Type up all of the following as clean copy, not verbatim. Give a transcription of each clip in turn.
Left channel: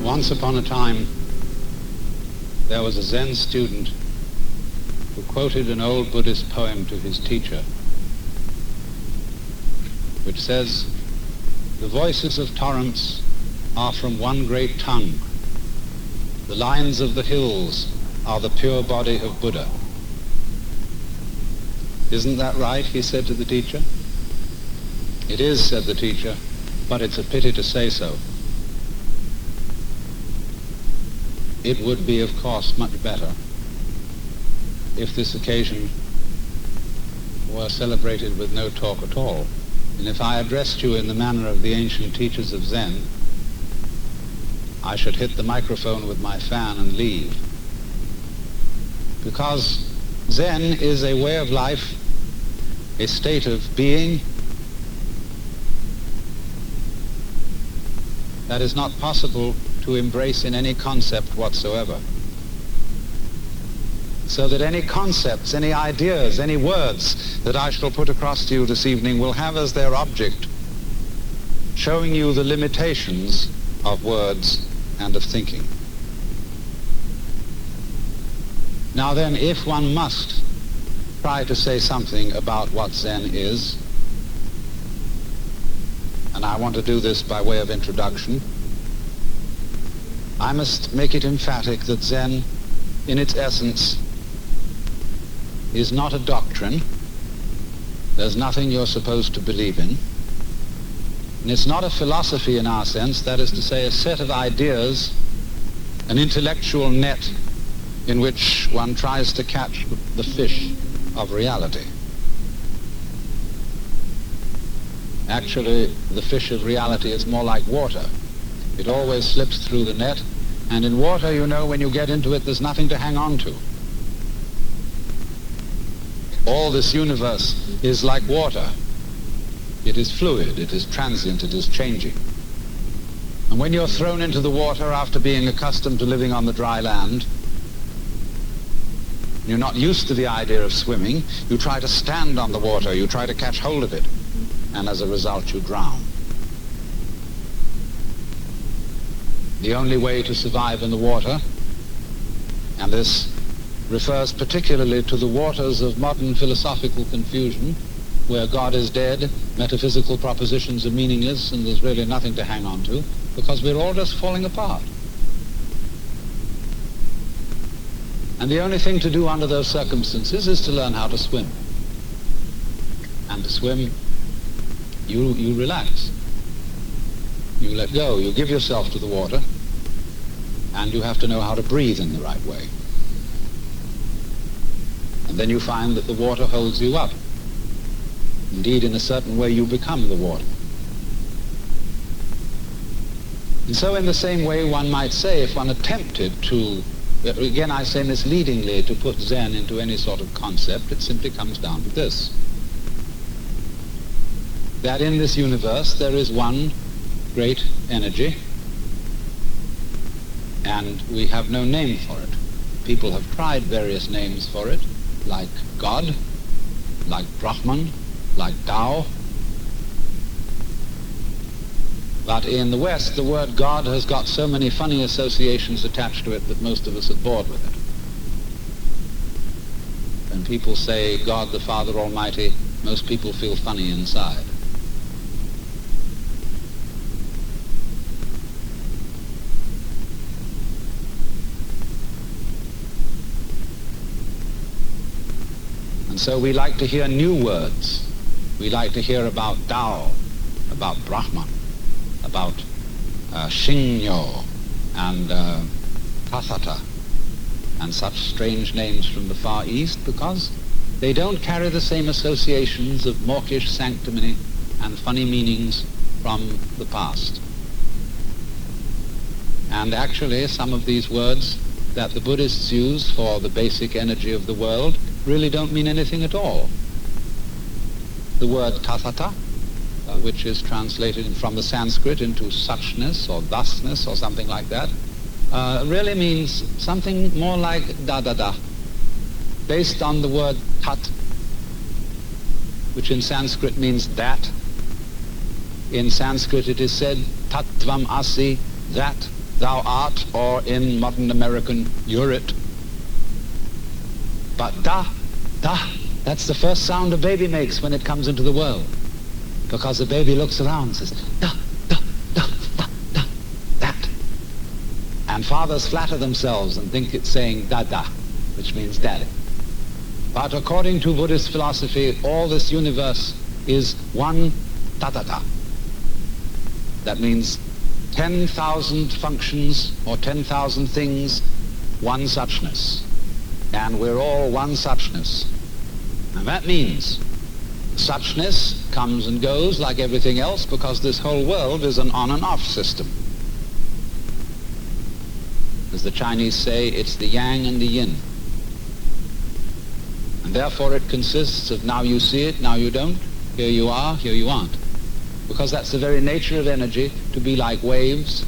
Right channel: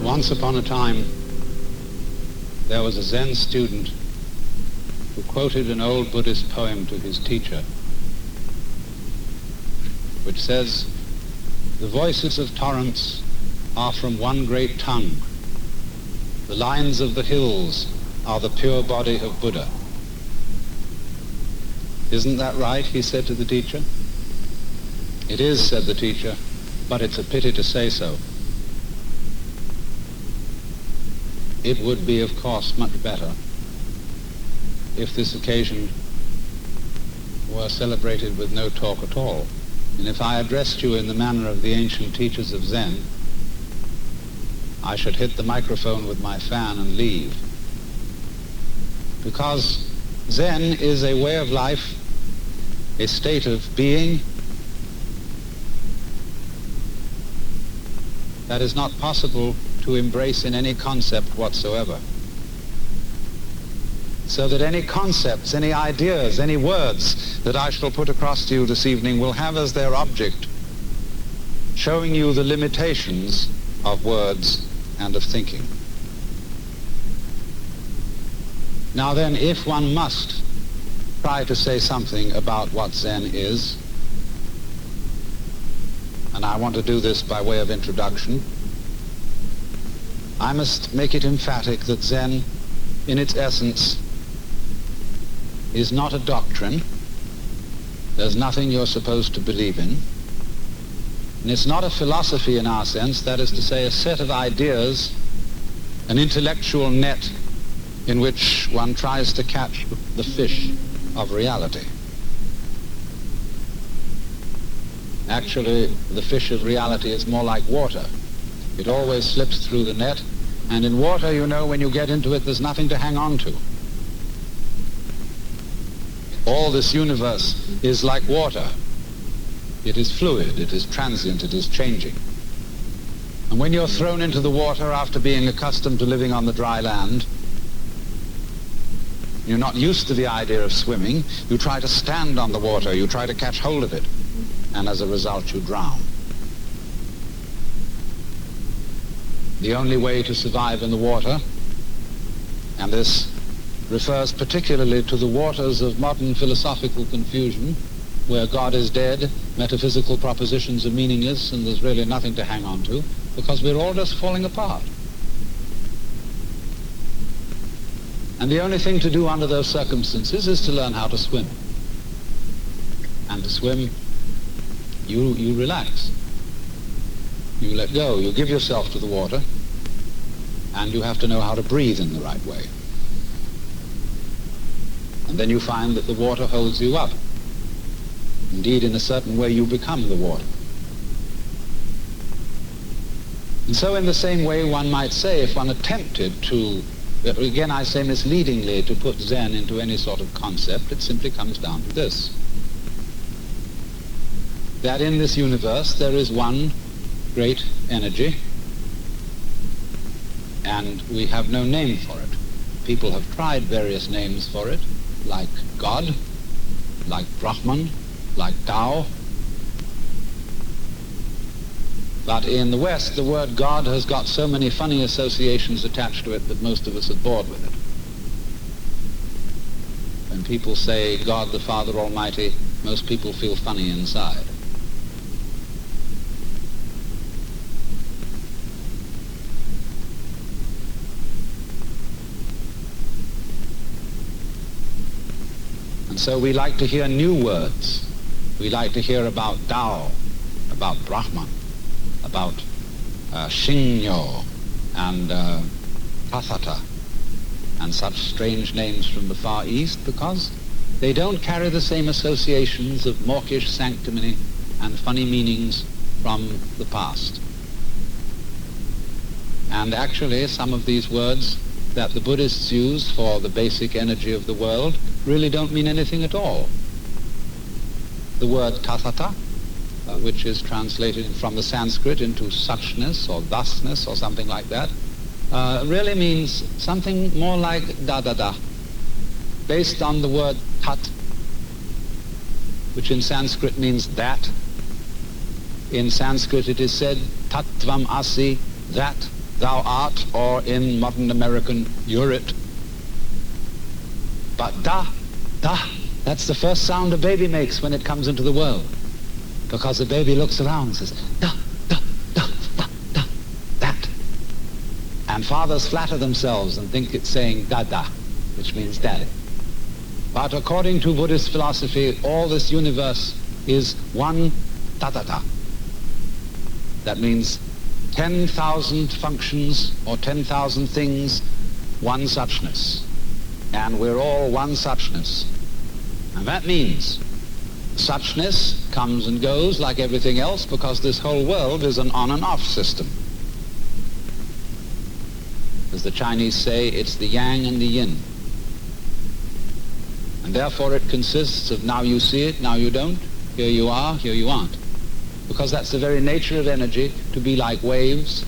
Once upon a time, there was a Zen student who quoted an old Buddhist poem to his teacher, which says, "The voices of torrents are from one great tongue. The lines of the hills are the pure body of Buddha." "Isn't that right?" he said to the teacher. "It is," said the teacher, "but it's a pity to say so. It would be, of course, much better if this occasion were celebrated with no talk at all, and if I addressed you in the manner of the ancient teachers of Zen, I should hit the microphone with my fan and leave. Because Zen is a way of life, a state of being that is not possible to embrace in any concept whatsoever. So that any concepts, any ideas, any words that I shall put across to you this evening will have as their object showing you the limitations of words and of thinking. Now then, if one must try to say something about what Zen is, and I want to do this by way of introduction, I must make it emphatic that Zen, in its essence, is not a doctrine. There's nothing you're supposed to believe in. And it's not a philosophy in our sense, that is to say, a set of ideas, an intellectual net in which one tries to catch the fish of reality. Actually, the fish of reality is more like water. It always slips through the net, and in water, you know, when you get into it, there's nothing to hang on to. All this universe is like water. It is fluid, it is transient, it is changing. And when you're thrown into the water after being accustomed to living on the dry land, you're not used to the idea of swimming, you try to stand on the water, you try to catch hold of it, and as a result you drown. The only way to survive in the water, and this refers particularly to the waters of modern philosophical confusion, where God is dead, metaphysical propositions are meaningless, and there's really nothing to hang on to, because we're all just falling apart. And the only thing to do under those circumstances is to learn how to swim. And to swim, you relax. You let go, you give yourself to the water, and you have to know how to breathe in the right way. And then you find that the water holds you up. Indeed, in a certain way, you become the water. And so in the same way, one might say, if one attempted to, again I say misleadingly, to put Zen into any sort of concept, it simply comes down to this: that in this universe there is one great energy, and we have no name for it. People have tried various names for it, like God, like Brahman, like Tao. But in the West, the word God has got so many funny associations attached to it that most of us are bored with it. When people say God the Father Almighty, most people feel funny inside. And so we like to hear new words. We like to hear about Tao, about Brahman, about Shinyo and Tatata, and such strange names from the Far East, because they don't carry the same associations of mawkish sanctimony and funny meanings from the past. And actually, some of these words that the Buddhists use for the basic energy of the world really don't mean anything at all. The word Tatata, which is translated from the Sanskrit into suchness or thusness or something like that, really means something more like dadada, based on the word tat, which in Sanskrit means that. In Sanskrit it is said, tattvam asi, that thou art, or in modern American, you're it. But da, that's the first sound a baby makes when it comes into the world. Because the baby looks around and says, da, that. And fathers flatter themselves and think it's saying dada, which means daddy. But according to Buddhist philosophy, all this universe is one Tatata. That means 10,000 functions or 10,000 things, one suchness. And we're all one suchness. And that means suchness comes and goes like everything else, because this whole world is an on and off system. As the Chinese say, it's the yang and the yin. And therefore it consists of now you see it, now you don't, here you are, here you aren't. Because that's the very nature of energy, to be like waves,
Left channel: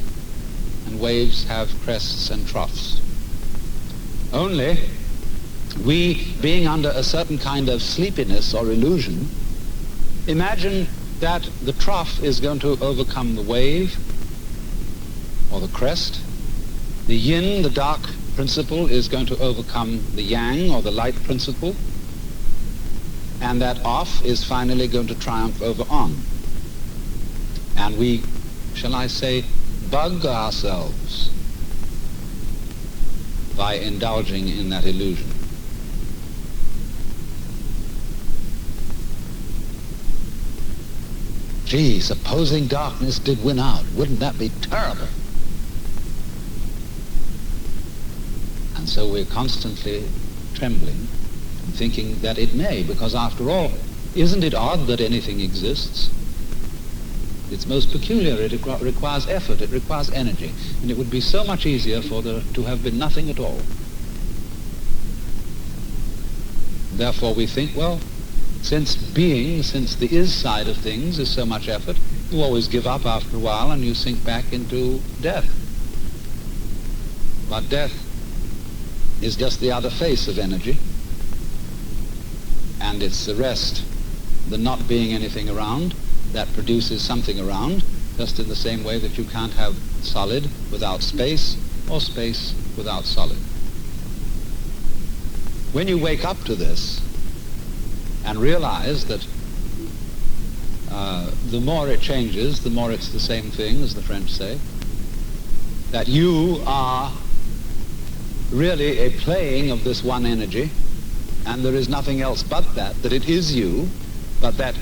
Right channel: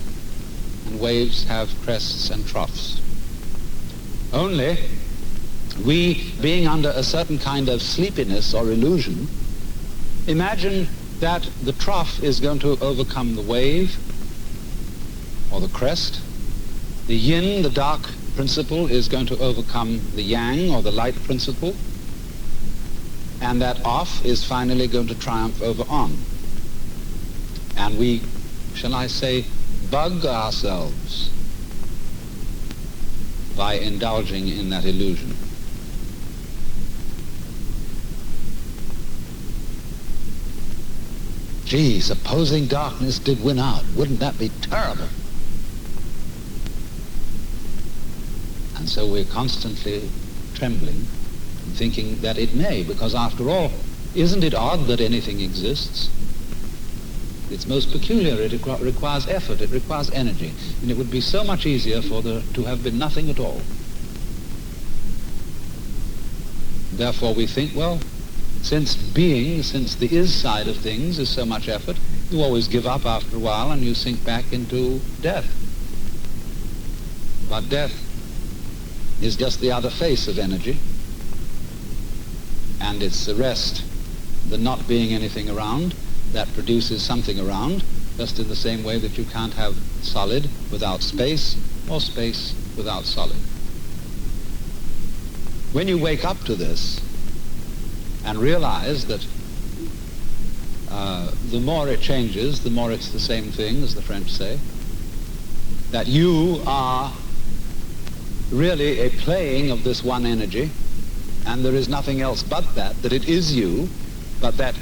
and waves have crests and troughs. Only we, being under a certain kind of sleepiness or illusion, imagine that the trough is going to overcome the wave or the crest. The yin, the dark principle, is going to overcome the yang or the light principle. And that off is finally going to triumph over on. And we, shall I say, bug ourselves by indulging in that illusion. Gee, supposing darkness did win out, wouldn't that be terrible? And so we're constantly trembling and thinking that it may, because after all, isn't it odd that anything exists? It's most peculiar. It requires effort, it requires energy, and it would be so much easier for there to have been nothing at all. Therefore we think, well, since the is side of things is so much effort, you always give up after a while and you sink back into death. But death is just the other face of energy, and it's the rest, the not being anything around, that produces something around, just in the same way that you can't have solid without space, or space without solid. When you wake up to this and realize that the more it changes, the more it's the same thing, as the French say, that you are really a playing of this one energy, and there is nothing else but that it is you, but that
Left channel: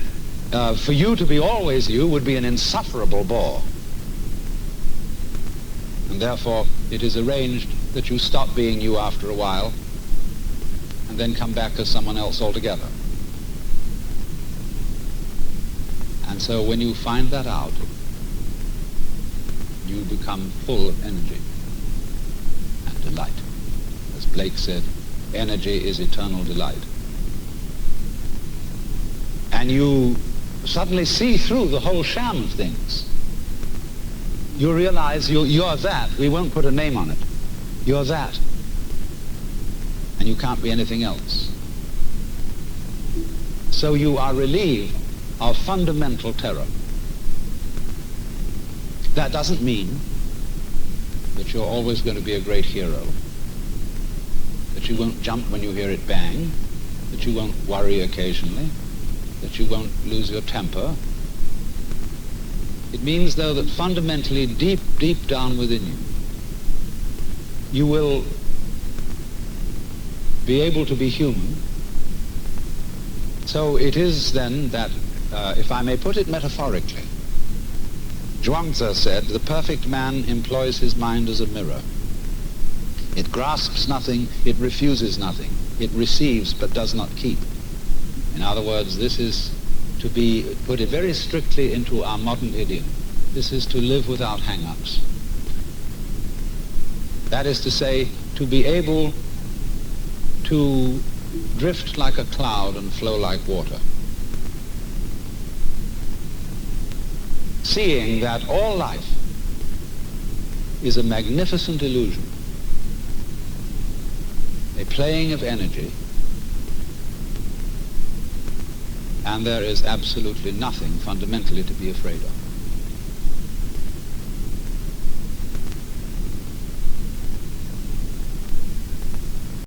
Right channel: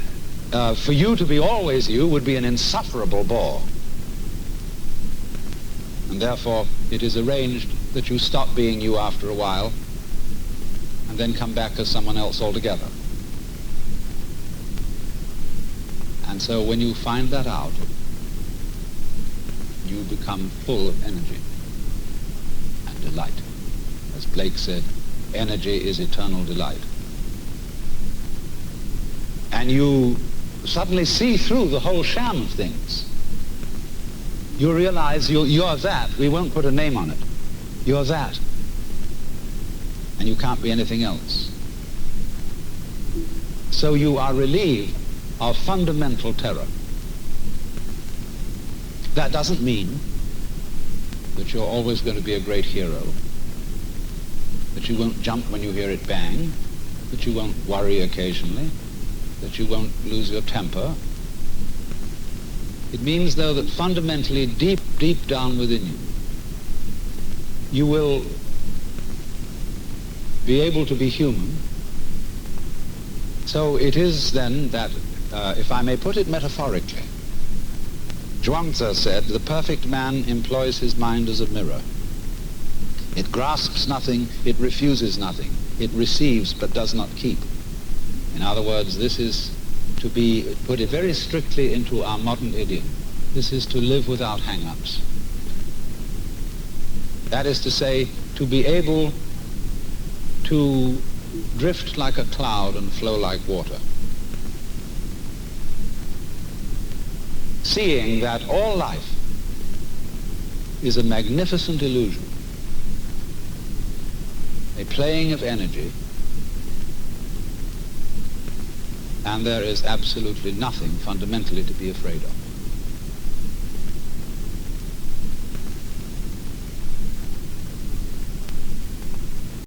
for you to be always you would be an insufferable bore. And therefore it is arranged that you stop being you after a while and then come back as someone else altogether. And so when you find that out, you become full of energy and delight. As Blake said, energy is eternal delight. And you suddenly see through the whole sham of things. You realize you're that. We won't put a name on it. You're that. And you can't be anything else. So you are relieved of fundamental terror. That doesn't mean that you're always going to be a great hero, that you won't jump when you hear it bang, that you won't worry occasionally, that you won't lose your temper. It means, though, that fundamentally, deep, deep down within you, you will be able to be human. So it is then that, if I may put it metaphorically, Zhuangzi said, the perfect man employs his mind as a mirror. It grasps nothing, it refuses nothing. It receives but does not keep. In other words, this is to be put it very strictly into our modern idiom. This is to live without hangups. That is to say, to be able to drift like a cloud and flow like water. Seeing that all life is a magnificent illusion, a playing of energy, and there is absolutely nothing fundamentally to be afraid of.